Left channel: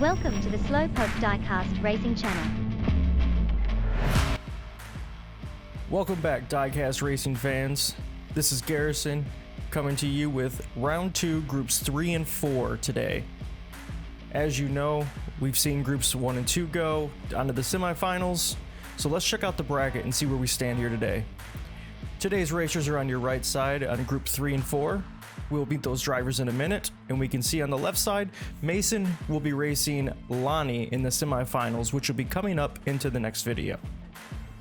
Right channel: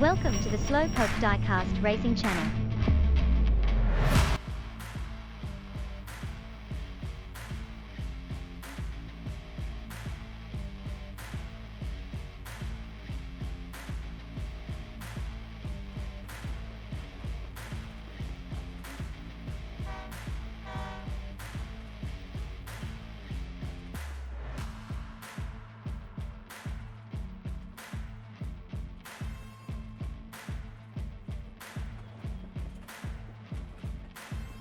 Welcome to the Slowpoke Diecast Racing channel. Welcome back, Diecast Racing fans. This is Garrison coming to you with round 2, groups 3 and 4 today. As you know, we've seen groups 1 and 2 go onto the semifinals, so let's check out the bracket and see where we stand here today. Today's racers are on your right side on group 3 and 4. We'll beat those drivers in a minute, and we can see on the left side, Mason will be racing Lonnie in the semifinals, which will be coming up into the next video.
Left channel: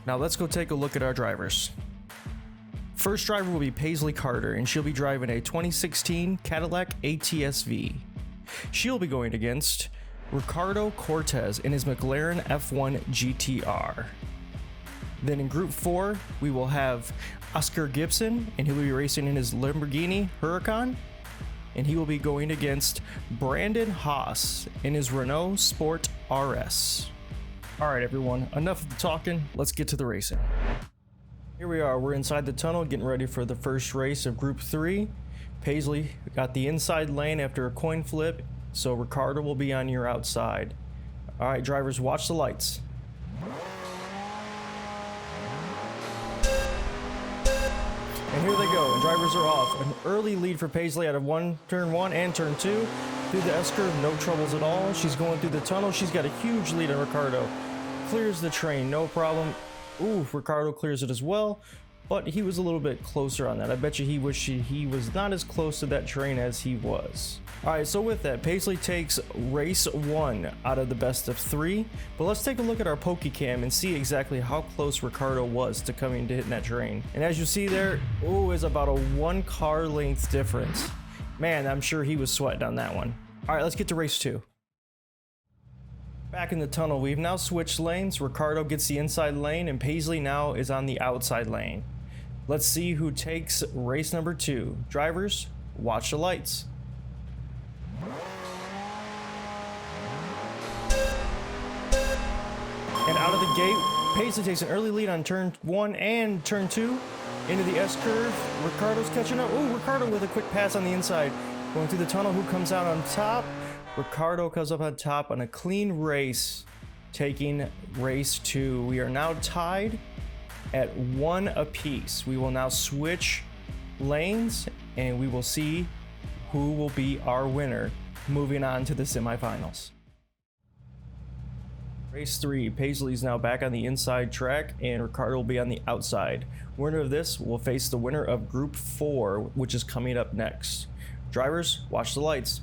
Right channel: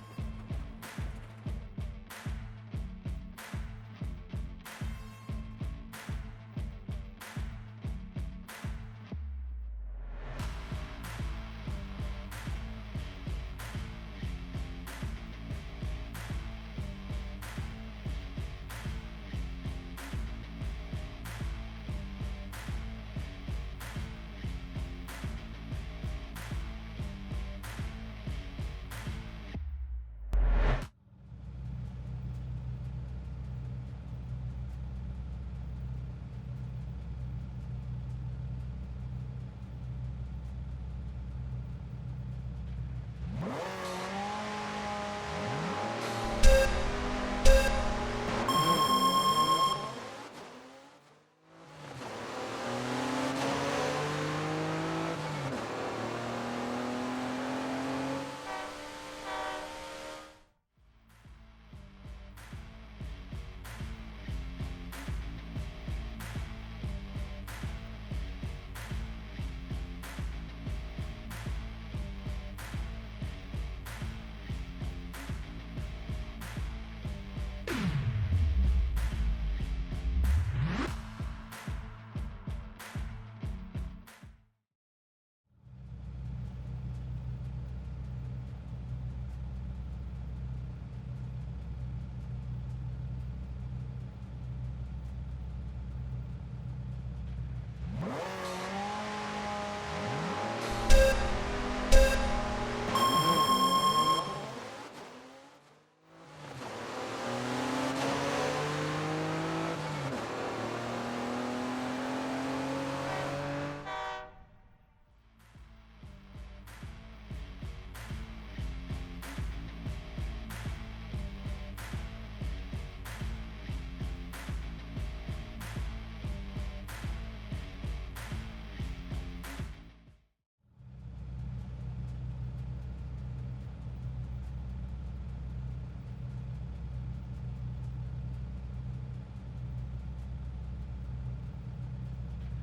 Now let's go take a look at our drivers. First driver will be Paisley Carter, and she'll be driving a 2016 Cadillac ATS-V. She'll be going against Ricardo Cortez in his McLaren F1 GTR. Then in group 4, we will have Oscar Gibson, and he will be racing in his Lamborghini Huracan, and he will be going against Brandon Haas in his Renault Sport RS. Alright everyone, enough of the talking, let's get to the racing. Here we are, we're inside the tunnel getting ready for the first race of group 3. Paisley got the inside lane after a coin flip, so Ricardo will be on your outside. Alright drivers, watch the lights. And here they go, drivers are off. An early lead for Paisley out of turn 1 and turn 2. Through the S-curve, no troubles at all. She's going through the tunnel, she's got a huge lead on Ricardo. Clears the train, no problem. Ooh, Ricardo clears it as well, but he was a little bit closer on that. I bet you he wished he was not as close to that train as he was. Alright, so with that, Paisley takes race 1 out of the best of 3, but let's take a look at our PokeCam and see exactly how close Ricardo was to coming to hitting that train. And as you see there, ooh, is about a 1 car length difference. Man, I'm sure he was sweating on that one. Alright, let's get to race 2. Back in the tunnel, we've now switched lanes. Ricardo gets the inside lane and Paisley now is on the outside lane. Let's see who takes race number 2. Drivers, watch the lights. And out of the gate, Paisley takes an early lead on turn 1 and turn 2 into the S-curve. Ricardo's catching up. Ooh, Ricardo with a quick pass on the inside. Going through the tunnel, who comes out on top? Ricardo comes up on top on a clean race, taking race 2. We are now tied at 1 apiece. We will now switch lanes and we will see who will be our winner moving on to the semifinals. Race 3, Paisley's now back on the inside track and Ricardo will be on the outside. Winner of this will face the winner of group 4, which is coming up next. Drivers, watch the lights.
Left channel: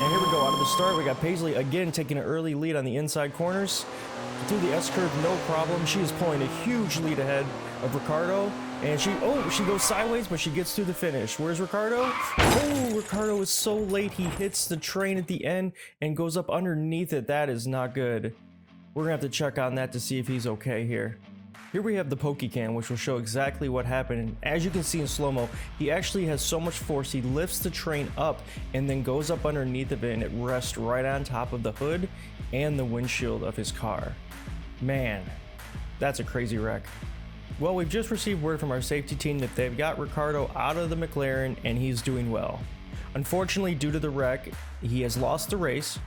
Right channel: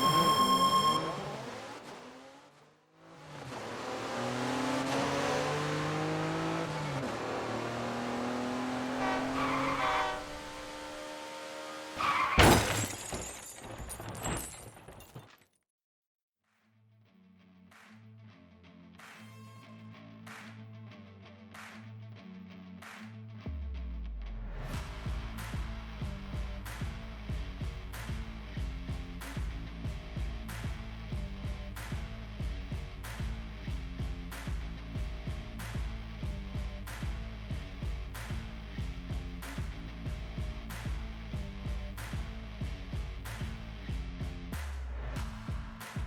And here we go, on the start we got Paisley again taking an early lead on the inside corners. Through the S-curve, no problem. She is pulling a huge lead ahead of Ricardo. And she goes sideways, but she gets through the finish. Where's Ricardo? Oh, Ricardo is so late. He hits the train at the end and goes up underneath it. That is not good. We're gonna have to check on that to see if he's okay here. Here we have the PokeCam, which will show exactly what happened. And as you can see in slow-mo, he actually has so much force, he lifts the train up and then goes up underneath of it, and it rests right on top of the hood and the windshield of his car. Man, that's a crazy wreck. Well, we've just received word from our safety team that they've got Ricardo out of the McLaren and he's doing well. Unfortunately, due to the wreck, he has lost the race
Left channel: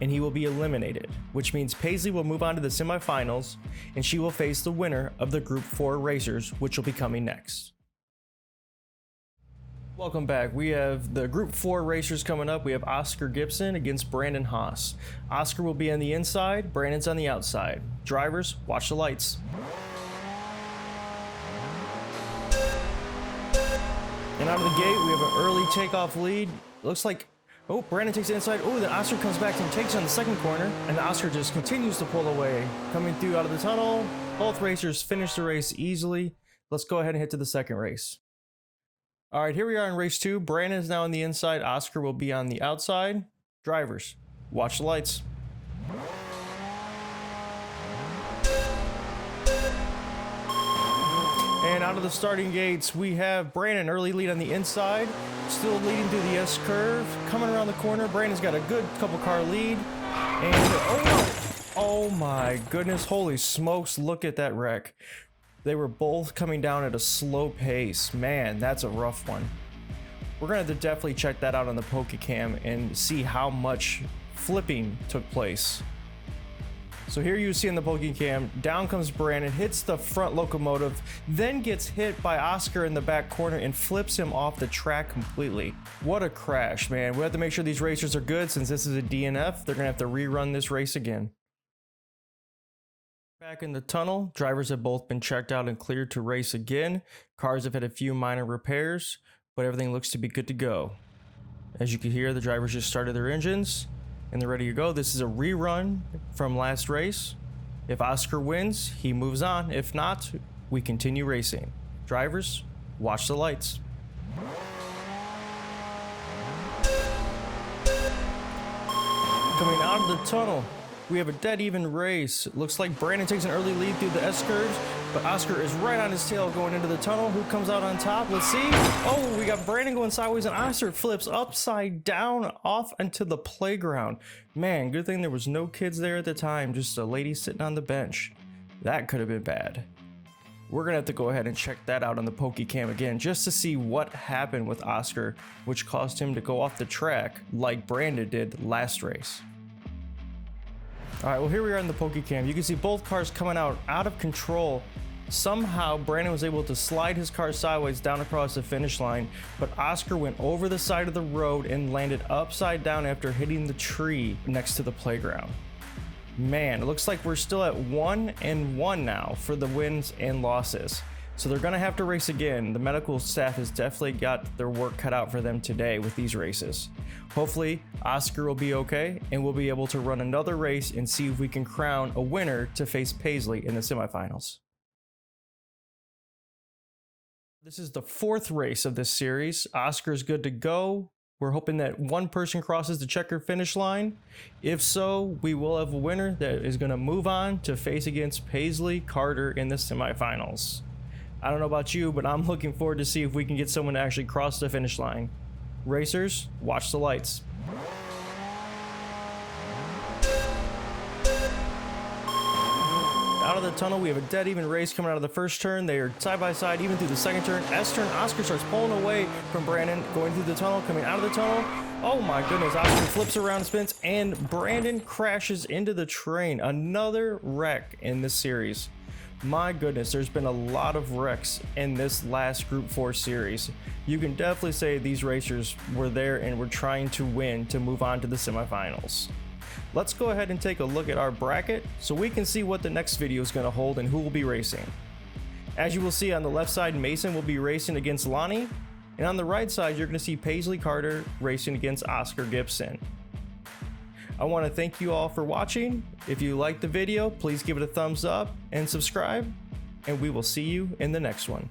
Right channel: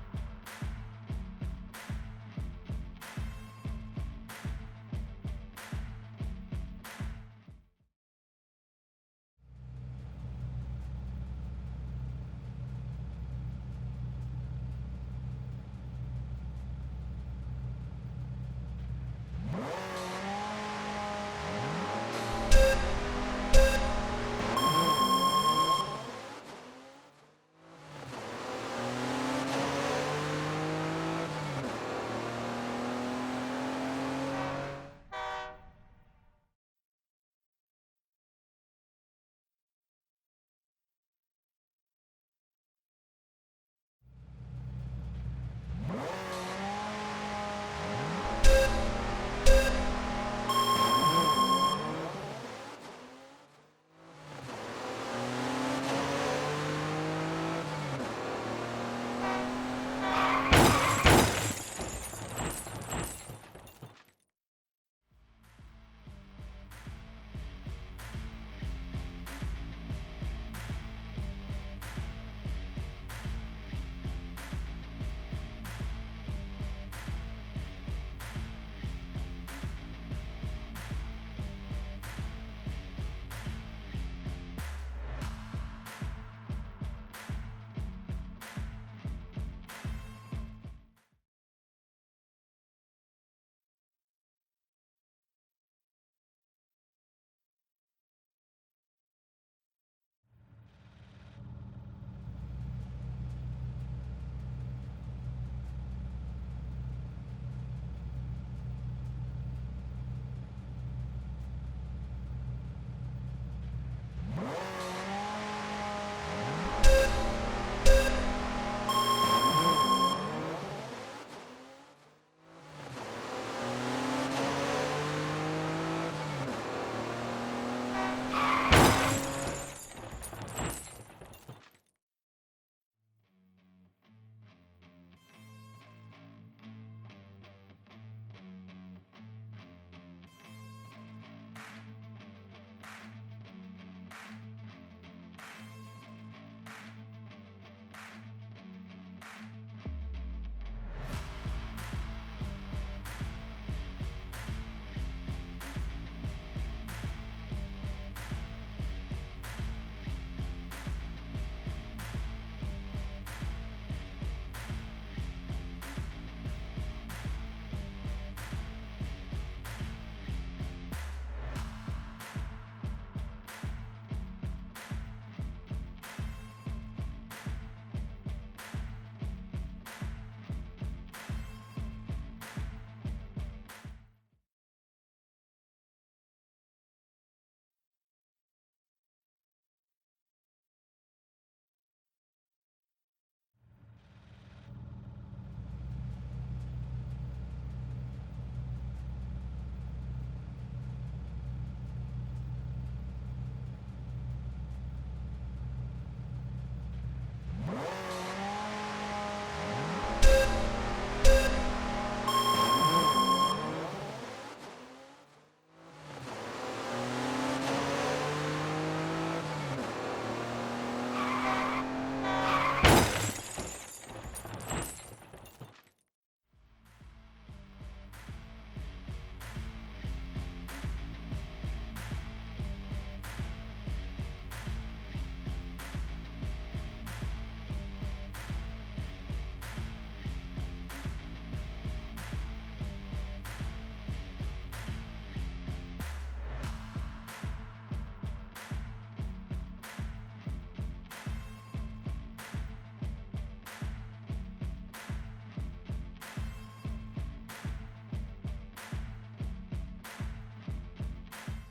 and he will be eliminated, which means Paisley will move on to the semifinals and she will face the winner of the group 4 racers, which will be coming next. Welcome back. We have the group 4 racers coming up. We have Oscar Gibson against Brandon Haas. Oscar will be on the inside, Brandon's on the outside. Drivers, watch the lights. And out of the gate, we have an early takeoff lead. Looks like, oh, Brandon takes the inside. Oh, then Oscar comes back and takes on the second corner, and Oscar just continues to pull away. Coming through out of the tunnel, both racers finish the race easily. Let's go ahead and head to the second race. All right, here we are in race 2. Brandon is now on the inside. Oscar will be on the outside. Drivers, watch the lights. And out of the starting gates, we have Brandon, early lead on the inside. Still leading through the S-curve. Coming around the corner, Brandon's got a good couple car lead. And oh my goodness, holy smokes, look at that wreck. They were both coming down at a slow pace. Man, that's a rough one. We're gonna have to definitely check that out on the Pokecam and see how much flipping took place. So here you see in the Pokecam, down comes Brandon, hits the front locomotive, then gets hit by Oscar in the back corner and flips him off the track completely. What a crash, man. We have to make sure these racers are good since this is a DNF. They're gonna have to rerun this race again. Back in the tunnel, drivers have both been checked out and cleared to race again. Cars have had a few minor repairs, but everything looks to be good to go. As you can hear, the drivers just started their engines and they're ready to go. This is a rerun from last race. If Oscar wins, he moves on. If not, we continue racing. Drivers, watch the lights. Coming out of the tunnel, we have a dead even race. It looks like Brandon takes an early lead through the S-curves, but Oscar is right on his tail going into the tunnel. Who comes out on top? Let's see. Oh, we got Brandon going sideways and Oscar flips upside down off into the playground. Man, good thing there was no kids there at the time, just a lady sitting on the bench. That could have been bad. We're gonna have to go ahead and check that out on the Pokecam again just to see what happened with Oscar, which caused him to go off the track like Brandon did last race. Alright, well here we are in the Pokecam. You can see both cars coming out of control. Somehow Brandon was able to slide his car sideways down across the finish line, but Oscar went over the side of the road and landed upside down after hitting the tree next to the playground. Man, it looks like we're still at 1-1 now for the wins and losses. So they're gonna have to race again. The medical staff has definitely got their work cut out for them today with these races. Hopefully, Oscar will be okay and we'll be able to run another race and see if we can crown a winner to face Paisley in the semifinals. This is the 4th race of this series. Oscar's good to go. We're hoping that one person crosses the checkered finish line. If so, we will have a winner that is going to move on to face against Paisley Carter in the semifinals. I don't know about you, but I'm looking forward to see if we can get someone to actually cross the finish line. Racers, watch the lights. Out of the tunnel, we have a dead even race coming out of the first turn. They are side by side even through the second turn. S turn, Oscar starts pulling away from Brandon, going through the tunnel, coming out of the tunnel. Oh my goodness, Oscar flips around, spins, and Brandon crashes into the train. Another wreck in this series. My goodness, there's been a lot of wrecks in this last Group 4 series. You can definitely say these racers were there and were trying to win to move on to the semifinals. Let's go ahead and take a look at our bracket so we can see what the next video is going to hold and who will be racing. As you will see on the left side, Mason will be racing against Lonnie, and on the right side, you're going to see Paisley Carter racing against Oscar Gibson. I want to thank you all for watching. If you liked the video, please give it a thumbs up and subscribe, and we will see you in the next one.